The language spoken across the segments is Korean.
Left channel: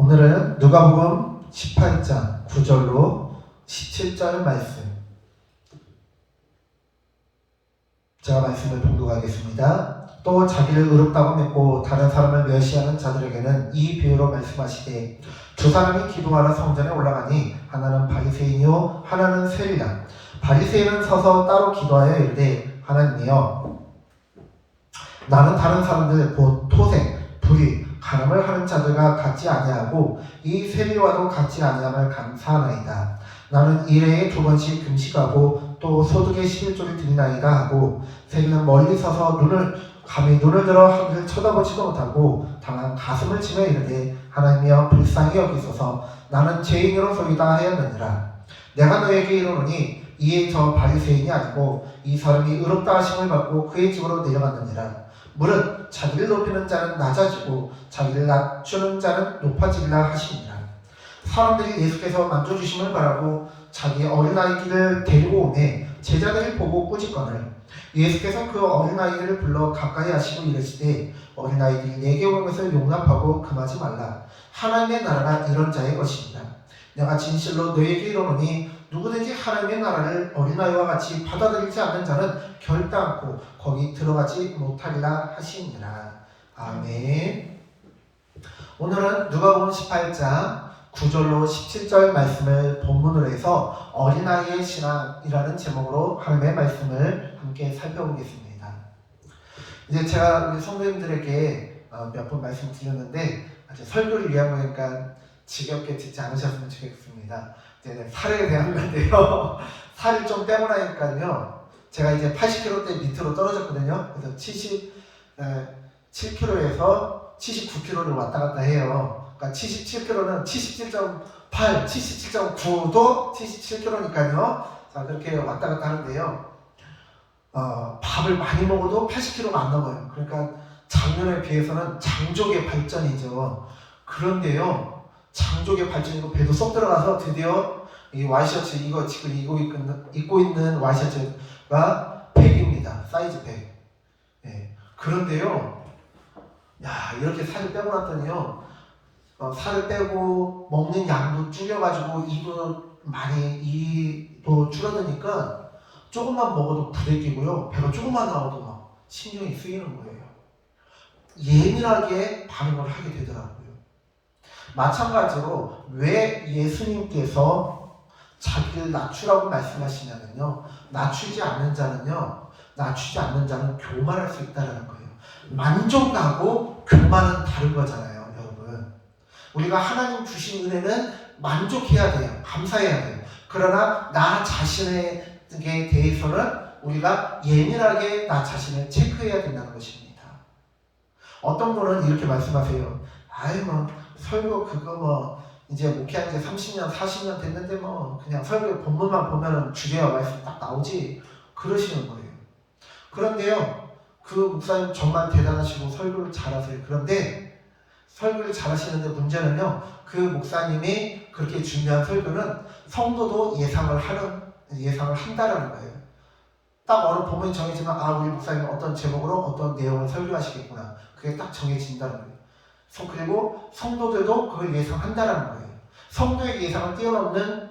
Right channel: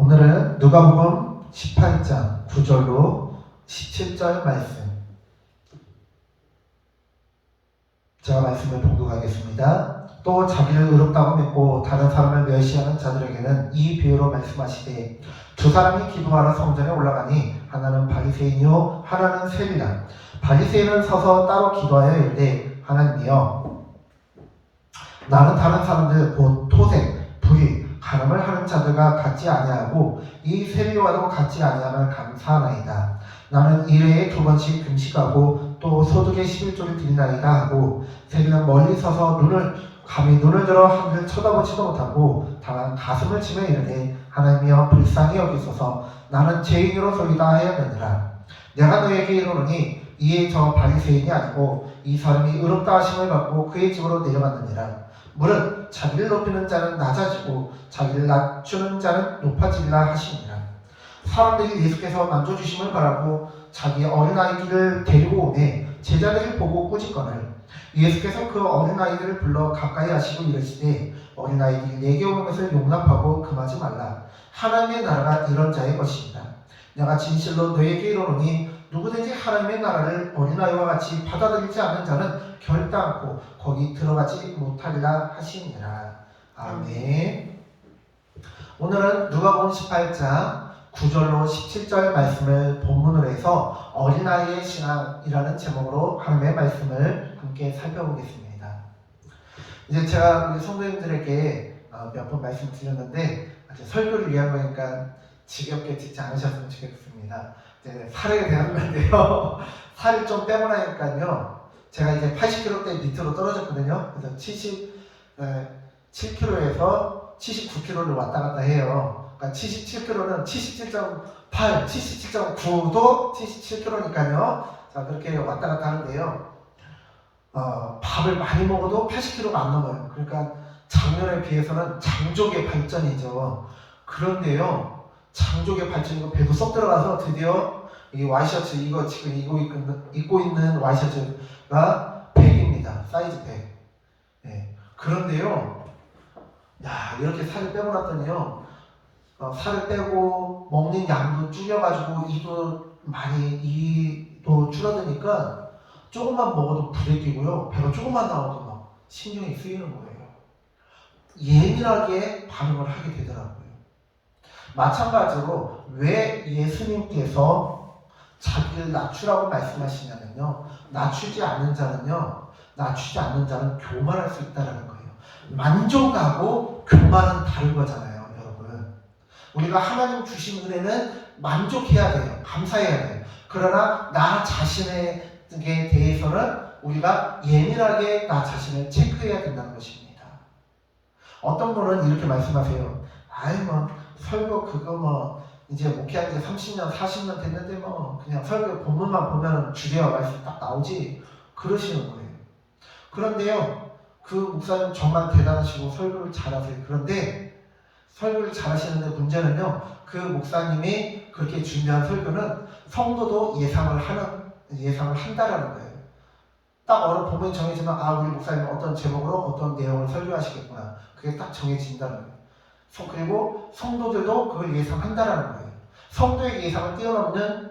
오늘은 누가복음 18장 9절로 17절 말씀, 제가 말씀을 봉독하겠습니다. 또 자기를 의롭다고 믿고 다른 사람을 멸시하는 자들에게는 이 비유로 말씀하시되, 두 사람이 기도하러 성전에 올라가니 하나는 바리새인이요 하나는 세리라. 바리새인은 서서 따로 기도하여 이르되, 하나님이여, 나는 다른 사람들 곧 토색, 불의, 간음을 하는 자들과 같지 아니하고 이 세리와도 같지 아니함을 감사하나이다. 나는 일회에 2번씩 금식하고 또 소득의 11조를 드리나이다 하고, 세리는 멀리 서서 감히 눈을 들어 하늘을 쳐다보지도 못하고 다만 가슴을 치며 이르되, 하나님이여 불쌍히 여기소서, 나는 죄인으로소이다 하였느니라. 내가 너에게 이르노니 이에 저 바리새인이 아니고 이 사람이 의롭다 하심을 받고 그의 집으로 내려갔느니라. 무릇 자기를 높이는 자는 낮아지고 자기를 낮추는 자는 높아지리라 하시니라. 사람들이 예수께서 만져주심을 바라고 자기 어린아이들을 데리고 오매 제자들이 보고 꾸짖거늘, 예수께서 그 어린아이들을 불러 가까이 하시고 이르시되, 어린아이들이 내게 오는 것을 용납하고 금하지 말라. 하나님의 나라가 이런 자의 것입니다. 내가 진실로 너에게 이르노니 누구든지 하나님의 나라를 어린아이와 같이 받아들이지 않는 자는 결단코 거기 들어가지 못하리라 하시니라. 아멘. 오늘은 누가복음 18장 9절로 17절 말씀을 본문으로 해서 어린아이의 신앙이라는 제목으로 하나님의 말씀을 함께 살펴보겠습니다. 이제 제가 우리 성도님들에게 몇 번 말씀드렸는데, 설교를 위한 거니까 지겹게 듣지 않으셨으면 좋겠습니다. 이제 살에 대한 건데요. 살을 좀 빼고 나니까요, 제가 이제 80kg대 밑으로 떨어졌거든요. 그래서 77kg에서 79kg를 왔다 갔다 해요. 그러니까 77kg는 77.8, 77.9도 77kg니까요. 자, 그렇게 왔다 갔다 하는데요. 밥을 많이 먹어도 80kg가 안 넘어요. 그러니까 작년에 비해서는 장족의 발전이죠. 그런데요, 장족의 발전이고 배도 쏙 들어가서 드디어 이 와이셔츠, 이거 지금 입고 있는 와이셔츠가 100입니다. 사이즈 100. 네. 그런데요, 이렇게 살을 빼고 났더니요, 살을 빼고 먹는 양도 줄여가지고 이도 줄어드니까 조금만 먹어도 부대끼고요, 배가 조금만 나와도 막 신경이 쓰이는 거예요. 예민하게 반응을 하게 되더라고요. 마찬가지로 왜 예수님께서 자기를 낮추라고 말씀하시냐면요, 낮추지 않는 자는 교만할 수 있다는 거예요. 만족하고 교만은 다른 거잖아요, 여러분. 우리가 하나님 주신 은혜는 만족해야 돼요. 감사해야 돼요. 그러나 나 자신에 대해서는 우리가 예민하게 나 자신을 체크해야 된다는 것입니다. 어떤 분은 이렇게 말씀하세요. 설교 그거 이제 목회한 지 30년, 40년 됐는데 그냥 설교 본문만 보면 주제와 말씀 딱 나오지, 그러시는 거예요. 그런데요, 그 목사님 정말 대단하시고 설교를 잘하세요. 그런데 설교를 잘하시는데 문제는요, 그 목사님이 그렇게 준비한 설교는 성도도 예상을 한다라는 거예요. 딱 어느 본문이 정해지면 우리 목사님은 어떤 제목으로 어떤 내용을 설교하시겠구나, 그게 딱 정해진다는 거예요. 그리고 성도들도 그걸 예상한다라는 거예요. 성도의 예상을 뛰어넘는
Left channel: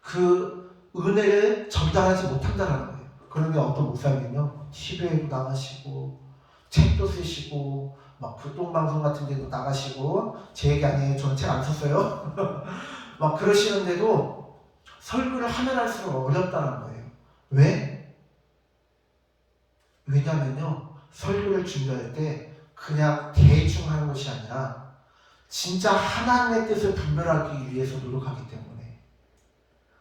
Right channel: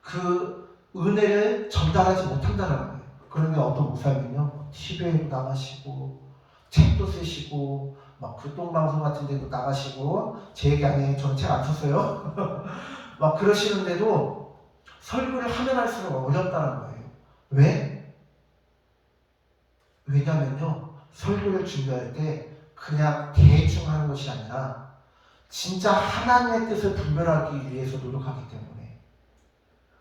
그 은혜를 전달하지 못한다라는 거예요. 그런데 어떤 목사님은요, TV에도 나가시고 책도 쓰시고 막 교통방송 같은 데도 나가시고, 제 얘기 아니에요. 저는 책 안 썼어요. 막 그러시는데도 설교를 하면 할수록 어렵다는 거예요. 왜? 왜냐면요, 설교를 준비할 때 그냥 대충 하는 것이 아니라 진짜 하나님의 뜻을 분별하기 위해서 노력하기 때문에,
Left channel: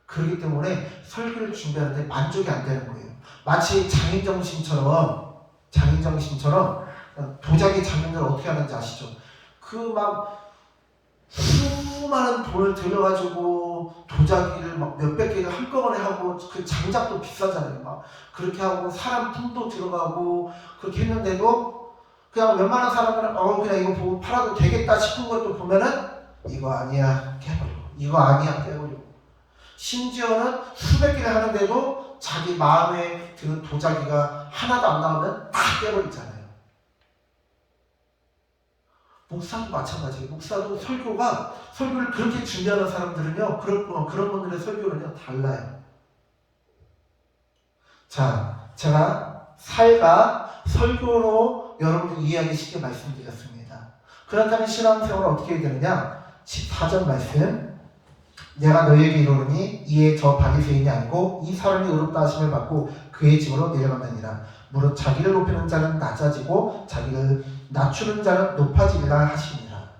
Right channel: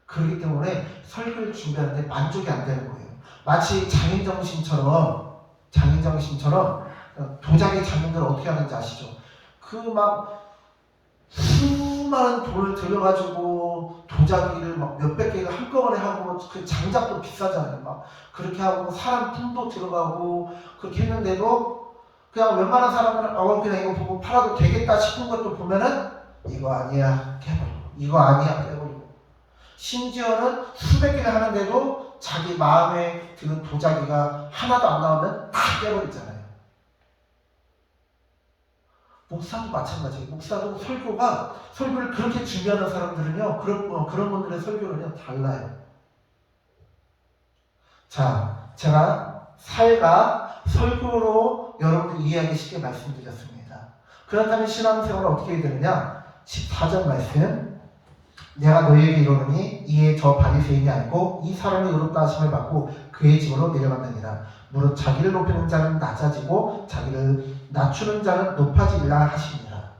그렇기 때문에 설교를 준비하는데 만족이 안 되는 거예요. 마치 장인정신처럼 도자기 장인들 어떻게 하는지 아시죠? 수많은 돈을 들여가지고 도자기를 몇백 개를 한꺼번에 하고, 그 장작도 비싸잖아요. 그렇게 하고 사람 품도 들어가고 그렇게 했는데도 그냥 웬만한 사람은 그냥 이거 보고 팔아도 되겠다 싶은 것도 보면은 이거 아니야 깨버리고, 심지어는 수백 개를 하는데도 자기 마음에 드는 도자기가 하나도 안 나오면 다 깨버리잖아요. 목사도 마찬가지예요. 목사도 설교를 그렇게 준비하는 사람들은요, 그런 분들의 설교는요 달라요. 자, 제가 살가 설교로 여러분들 이해하기 쉽게 말씀드렸습니다. 그렇다면 신앙생활은 어떻게 해야 되느냐? 14절 말씀. 내가 너희에게 이르노니 이에 저 바리새인이 아니고 이 사람이 의롭다 하심을 받고 그의 집으로 내려가느니라. 무릇 자기를 높이는 자는 낮아지고 자기를 낮추는 자는 높아지리라 하시니라.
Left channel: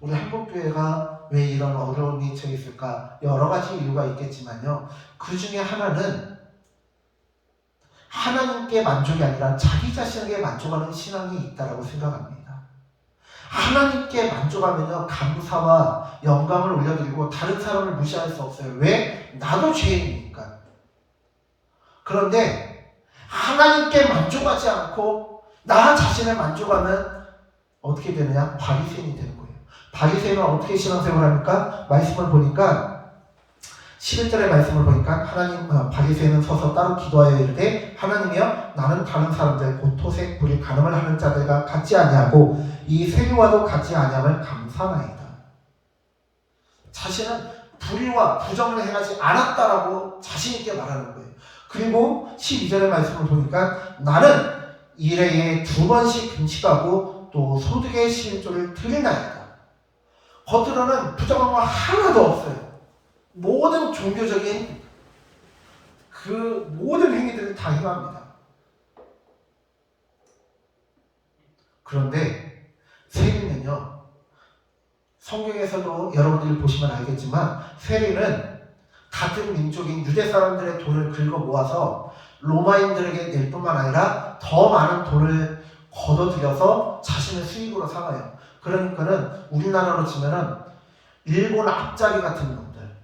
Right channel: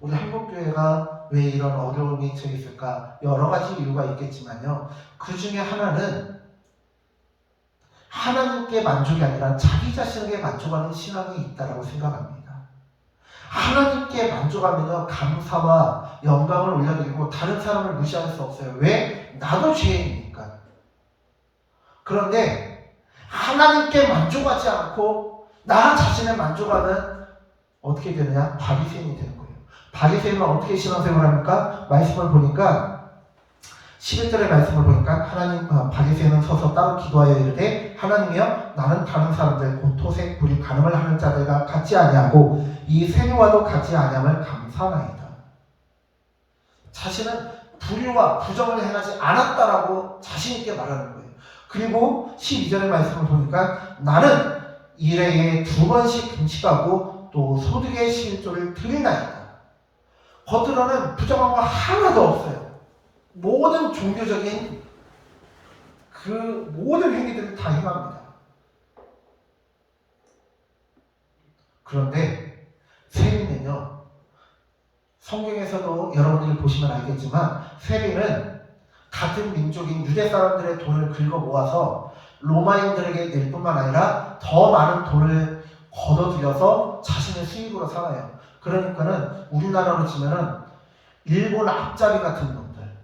우리 한국교회가 왜 이런 어려움이 처해 있을까? 여러 가지 이유가 있겠지만요, 그 중에 하나는 하나님께 만족이 아니라 자기 자신에게 만족하는 신앙이 있다고 생각합니다. 하나님께 만족하면 감사와 영광을 올려드리고 다른 사람을 무시할 수 없어요. 왜? 나도 죄인이니까. 그런데 하나님께 만족하지 않고 나 자신을 만족하면 어떻게 되느냐? 바리새인이 되는 거예요. 바리새인은 어떻게 신앙생활을 합니까? 말씀을 보니까 11절의 말씀을 보니까 바리새인은 서서 따로 기도하여 이르되 하나님이여 나는 다른 사람들 곧 토색 불이 간음을 하는 자들과 같지 아니하고 이 세교와도 같지 아니함을 감사하나이다. 자신은 불의와 부정을 행하지 않았다라고 자신 있게 말하는 거예요. 그리고 12절의 말씀을 보니까 나는 일회에 2번씩 금식하고 또 소득의 11조를 드리나이다. 겉으로는 부정한 거 하나도 없어요. 모든 종교적인 그 모든 행위들을 다 행합니다. 그런데 세리는요, 성경에서도 여러분들이 보시면 알겠지만 세리는 같은 민족인 유대 사람들의 돈을 긁어 모아서 로마인들에게 낼 뿐만 아니라 더 많은 돈을 걷어들여서 자신의 수익으로 삼아요. 그러니까는 우리나라로 치면은 일본 앞잡이 같은 놈들,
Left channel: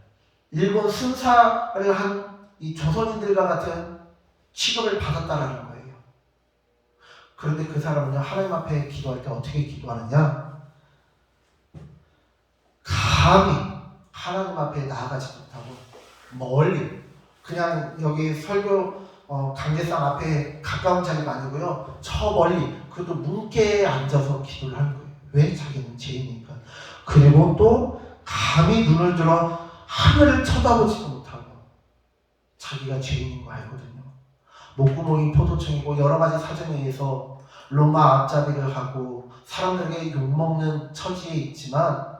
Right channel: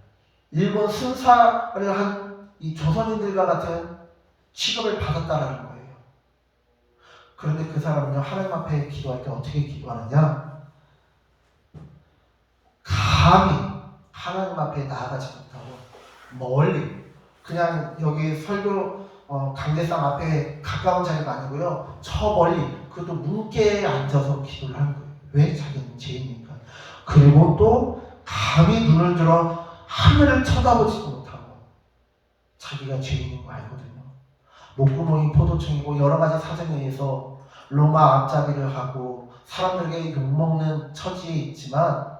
일본 순사를 한 이 조선인들과 같은 취급을 받았다라는 거예요. 그런데 그 사람은요, 하나님 앞에 기도할 때 어떻게 기도하느냐? 감히 하나님 앞에 나아가지 못하고 멀리 그냥 여기 설교 강대상 앞에 가까운 자리가 아니고요, 저 멀리 그것도 문께에 앉아서 기도를 하는 거예요. 왜? 자기는 죄인이니까. 그리고 또 감히 눈을 들어 하늘을 쳐다보지 못하고 자기가 죄인인 거 알거든요. 목구멍이 포도청이고 여러 가지 사정에 의해서 로마 앞잡이를 하고 사람들에게 욕먹는 처지에 있지만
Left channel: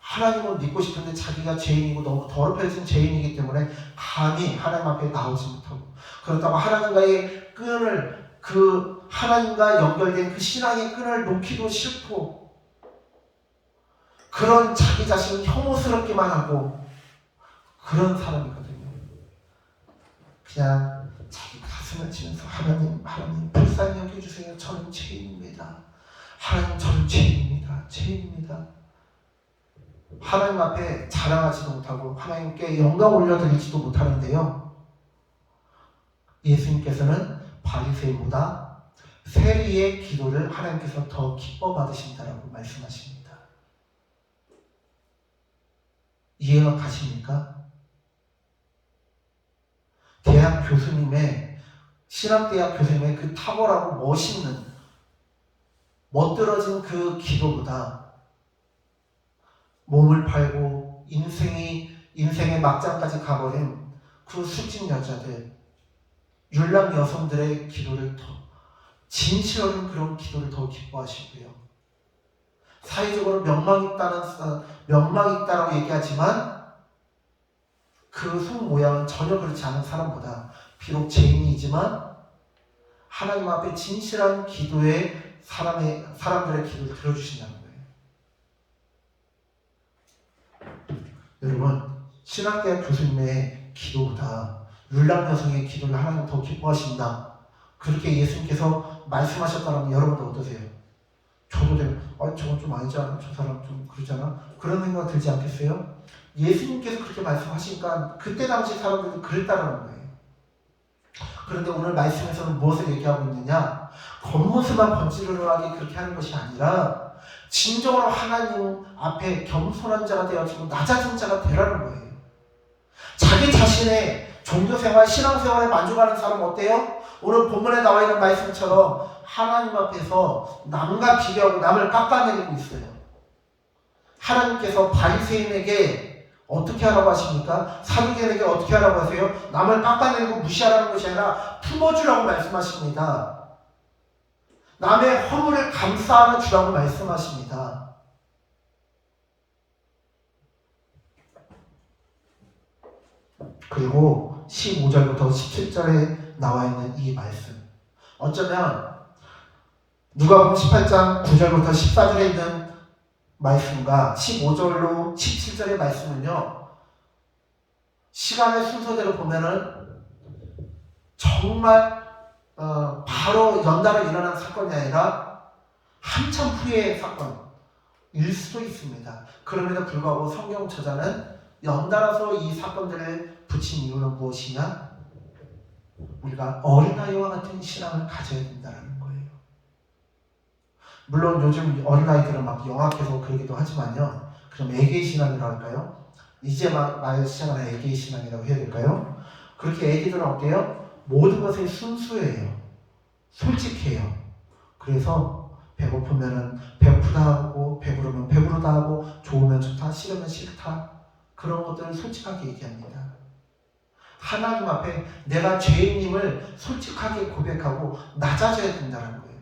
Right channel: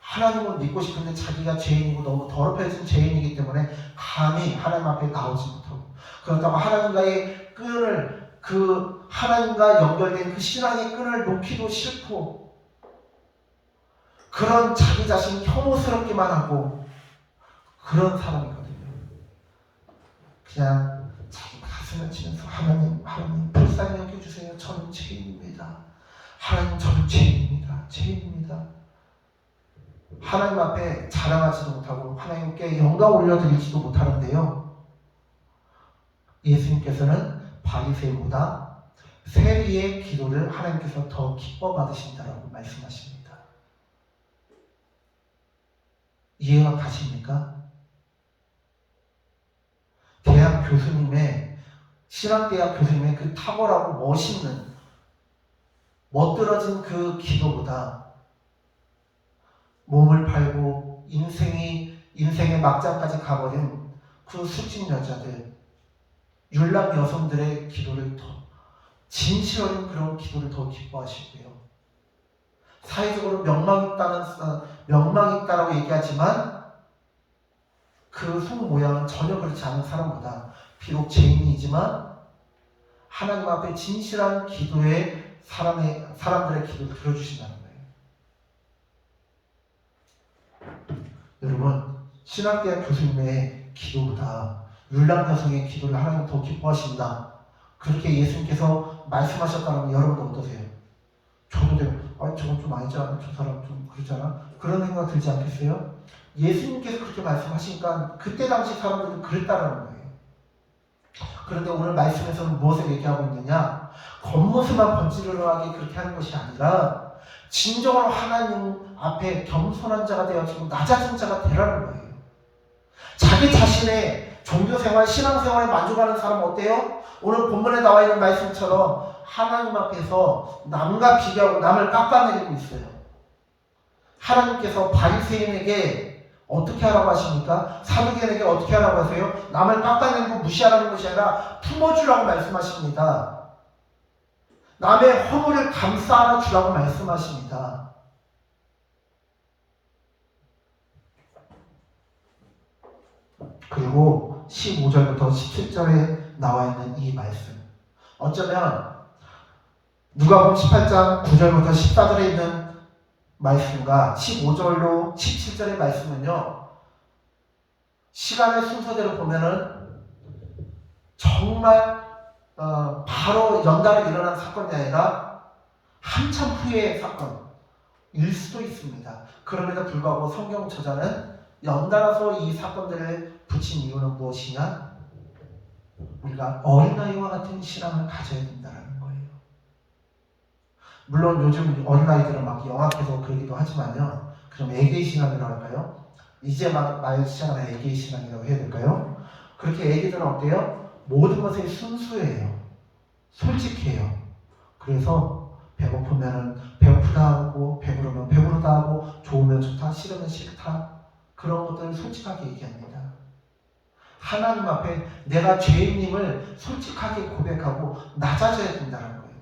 하나님을 믿고 싶은데 자기가 죄인이고 너무 더럽혀진 죄인이기 때문에 감히 하나님 앞에 나오지 못하고, 그렇다고 하나님과의 끈을, 그 하나님과 연결된 그 신앙의 끈을 놓기도 싫고, 그런 자기 자신이 혐오스럽기만 하고 그런 사람이거든요. 그냥 자기 가슴을 치면서 하나님 불쌍히 여겨주세요. 저는 죄인입니다. 하나님 저는 죄인입니다. 하나님 앞에 자랑하지도 못하고 하나님께 영광 올려드리지도 못하는데요, 예수님께서는 바리새인보다 세리의 기도를 하나님께서 더 기뻐 받으신다라고 말씀하십니다. 이해가 가십니까? 대학 교수님의, 신학대학 교수님의 그 탁월하고 멋있는 멋들어진 그 기도보다 몸을 팔고 인생의 막장까지 가버린 그 수진 여자들, 율랑 여성들의 기도를 더 진실한 그런 기도를 더 기뻐하시고요. 사회적으로 명망이 있다라고 얘기하지만 그 속모양은 전혀 그렇지 않은 사람보다 비록 죄인이지만 하나님 앞에 진실한 기도에 사람들의 기도를 들어주신다는 거예요. 여러분, 신학대학 교수님의 기도보다 율랑 여성의 기도를 하나님 더 기뻐하신다, 그렇게 예수님께서 말씀하셨다는 여러분도 어떠세요? 저도 저건 좀 아니잖아, 저 사람 좀 그러잖아, 그런 생각 들지 않겠어요? 예수님께서 그렇게 말씀하시니까 그때 당시 사람들은 그랬다라는 거예요. 그런데 오늘 말씀에서는 무엇을 얘기하고 있느냐? 겉모습만 번지르르하게 그렇게 하는 것이 아니라 진정으로 하나님 앞에 겸손한 자가 되어지고 낮아진 자가 되라는 거예요. 자기 자신의 종교생활, 신앙생활에 만족하는 사람은 어때요? 오늘 본문에 나와 있는 말씀처럼 하나님 앞에서 남과 비교하고 남을 깎아내리고 있어요. 하나님께서 바리새인에게 어떻게 하라고 하십니까? 사두개인에게 어떻게 하라고 하세요? 남을 깎아내리고 무시하라는 것이 아니라 품어주라고 말씀하십니다. 남의 허물을 감싸 안아주라고 말씀하십니다. 그리고 15절부터 17절에 나와 있는 이 말씀, 어쩌면 누가복음 18장 9절부터 14절에 있는 말씀과 15절로 17절의 말씀은요, 시간의 순서대로 보면은 정말 바로 연달아 일어난 사건이 아니라 한참 후의 사건일 수도 있습니다. 그럼에도 불구하고 성경 저자는 연달아서 이 사건들을 붙인 이유는 무엇이냐? 우리가 어린아이와 같은 신앙을 가져야 된다는 거예요. 물론 요즘 어린아이들은 막 영악해서 그러기도 하지만요, 그럼 애기의 신앙이라고 할까요? 이제 막 말 시작하는 애기의 신앙이라고 해야 될까요? 그렇게 애기들은 어때요? 모든 것에 순수해요. 솔직해요. 그래서 배고프면 배고프다 하고, 배부르면 배부르다 하고, 좋으면 좋다, 싫으면 싫다, 그런 것들을 솔직하게 얘기합니다. 하나님 앞에 내가 죄인임을 솔직하게 고백하고 낮아져야 된다는 거예요.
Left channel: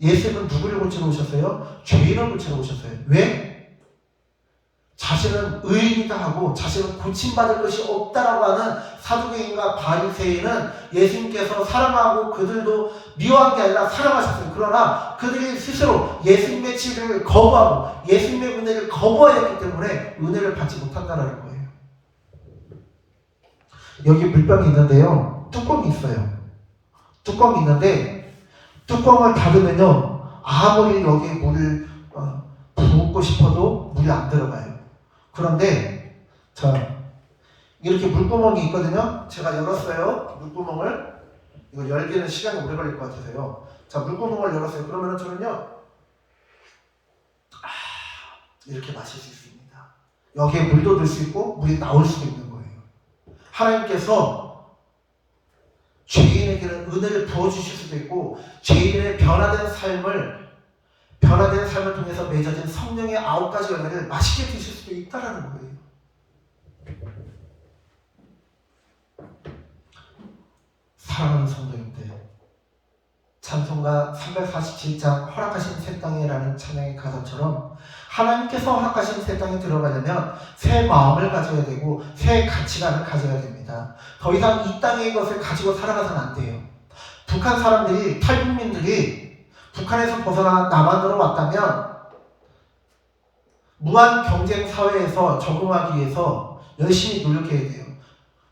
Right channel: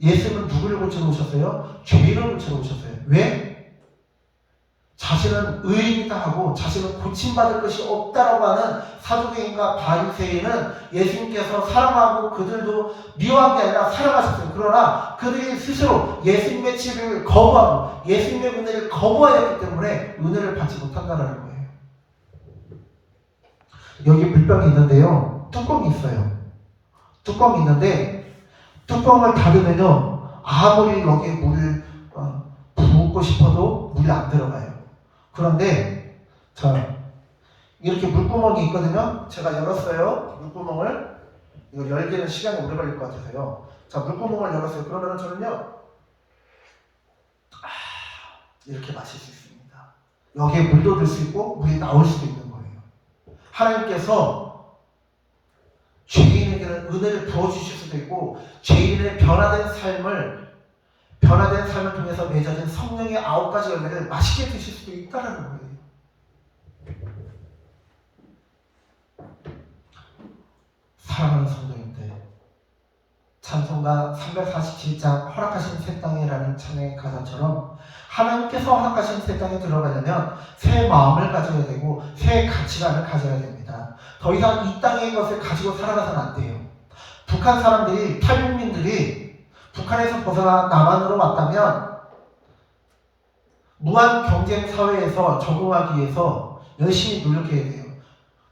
예수님은 누구를 고치러 오셨어요? 죄인을 고치러 오셨어요. 왜? 자신은 의인이다 하고 자신은 고침받을 것이 없다라고 하는 사두개인과 바리새인은 예수님께서 사랑하고 그들도 미워한 게 아니라 사랑하셨어요. 그러나 그들이 스스로 예수님의 치료를 거부하고 예수님의 은혜를 거부하였기 때문에 은혜를 받지 못한다는 거예요. 여기 물병이 있는데요, 뚜껑이 있어요. 뚜껑이 있는데 뚜껑을 닫으면요, 아무리 여기에 물을 붓고 싶어도 물이 안 들어가요. 그런데 이렇게 물구멍이 있거든요. 제가 열었어요, 물구멍을. 이거 열기는 시간이 오래 걸릴 것 같아서요. 자, 물구멍을 열었어요. 그러면 저는요, 이렇게 마실 수 있습니다. 여기에 물도 들 수 있고 물이 나올 수도 있는 거예요. 하나님께서 죄인에게는 은혜를 부어주실 수도 있고, 죄인의 변화된 삶을 통해서 맺어진 성령의 9가지 열매를 맛있게 드실 수도 있다는 거예요. 사랑하는 성도님들, 찬송가 347장 허락하신 새 땅이라는 찬양의 가사처럼 하나님께서 허락하신 새 땅에 들어가려면 새 마음을 가져야 되고 새 가치관을 가져야 됩니다. 더 이상 이 땅의 것을 가지고 살아가서는 안 돼요. 북한 사람들이, 탈북민들이 북한에서 벗어나 남한으로 왔다면 무한 경쟁 사회에서 적응하기 위해서 열심히 노력해야 돼요.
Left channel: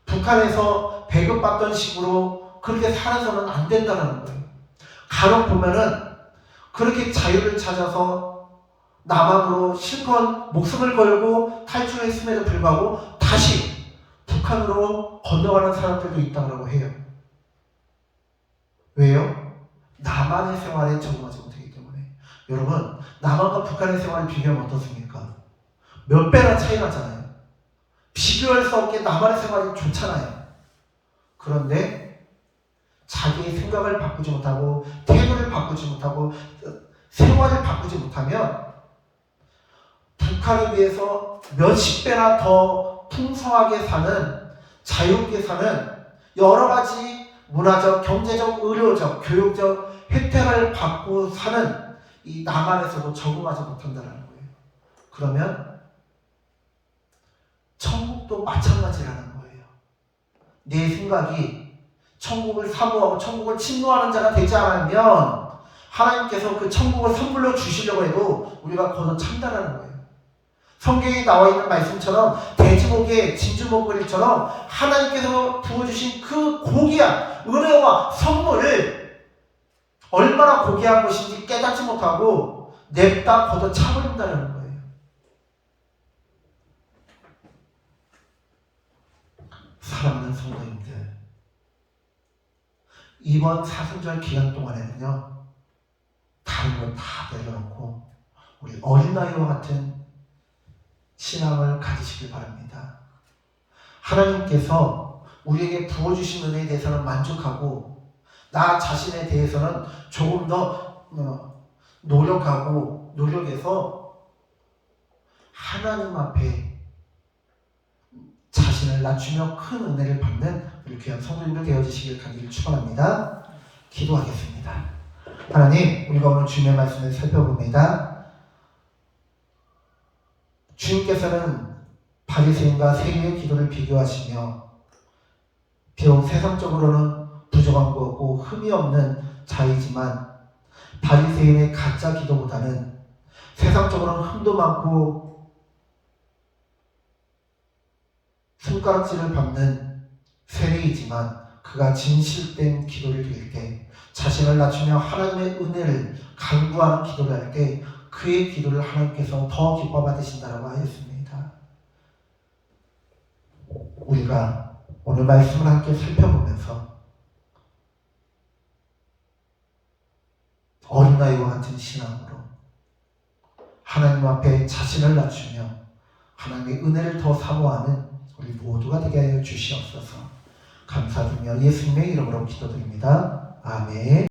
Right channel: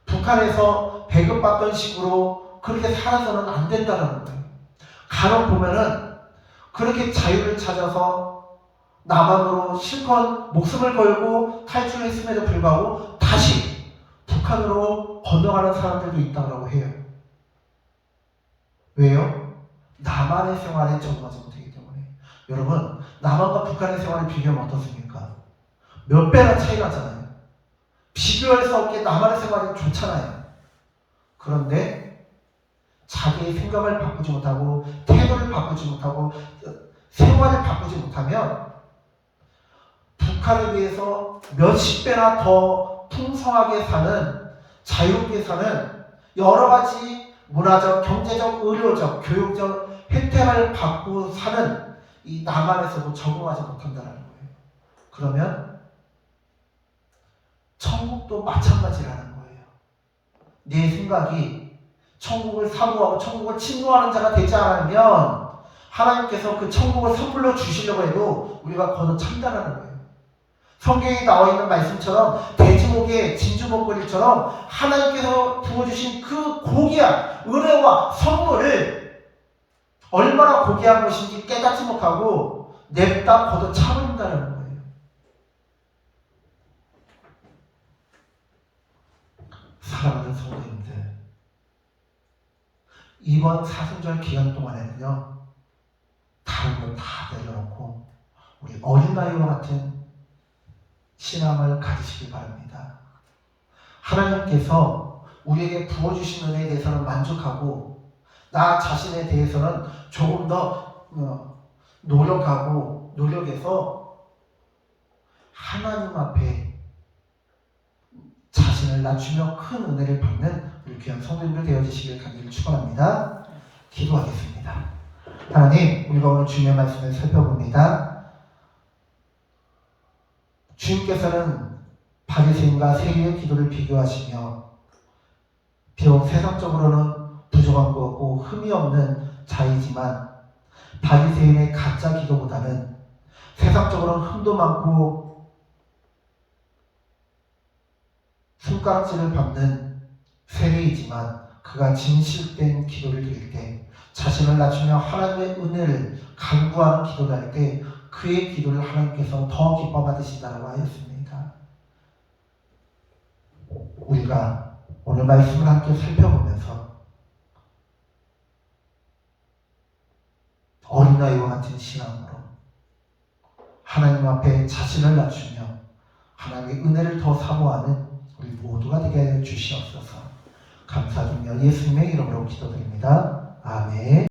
북한에서 배급받던 식으로 그렇게 살아서는 안 된다는 거예요. 간혹 보면은 그렇게 자유를 찾아서 남한으로 실컷 목숨을 걸고 탈출했음에도 불구하고 다시 북한으로 건너가는 사람들도 있다고 해요. 왜요? 남한의 생활에 적응하지 못하기 때문에. 여러분, 남한과 북한의 생활을 비교하면 어떻습니까? 몇 배나 차이 나잖아요. 비교할 수 없게 남한의 생활이 좋잖아요. 그런데 자기의 생각을 바꾸지 못하고 태도를 바꾸지 못하고 생활을 바꾸지 못하면 북한에 비해서 몇십 배나 더 풍성하게 사는, 자유롭게 사는 여러 가지 문화적, 경제적, 의료적, 교육적 혜택을 받고 사는 이 남한에서도 적응하지 못한다는 거예요. 그러면 천국도 마찬가지라는 거예요. 내 생각이 천국을 사모하고 천국을 침노하는 자가 되지 않으면 하나님께서 그 천국을 선물로 주시려고 해도 우리가 거듭찬다는 거예요. 성경에 나와 있는 말씀처럼 돼지고기의 진주 목걸이처럼 하나님께서 부어주신 그 고귀한 은혜와 선물을 얼마나 고귀한 것인지 깨닫지 못하고 냅다 걷어차버린다는 거예요. 사랑하는 성도님들, 이번 사순절 기간 동안에는요, 다른 걸 다 내려놓고 우리 어린아이와 같은 신앙을 가지시기 바랍니다. 하나님께서 우리에게 부어주신 은혜에 대해서는 만족하고 나 자신에 대해서는 조금 더 노력해서 하나님 앞에 자신을 낮추며 큰 은혜를 받는 우리 귀한 성도님들 되어주시길 간절히 축원합니다. 기도하겠습니다. 하나님, 우리가 오늘 주님의 말씀을 살펴봅니다. 주님께서는 바리새인과 세리의 기도를 비교하시며 비록 세상적으로는 부족한 것 없고 흠이 없는 자이지만 바리새인의 가짜 기도보다는 세상적으로는 흠도 많고 손가락질을 받는 세리이지만 그가 진실된 기도를 드릴 때 자신을 낮추며 하나님의 은혜를 간구하는 기도를 할 때 그의 기도를 하나님께서 더 기뻐 받으신다고 하였습니다. 우리가 오늘 말씀을 함께 살펴보면서 어린아이와 같은 신앙으로 하나님 앞에 자신을 낮추며 하나님의 은혜를 더 사모하는 우리 모두가 되게 하여 주시옵소서. 감사드리며 예수님의 이름으로 기도드립니다. 아멘.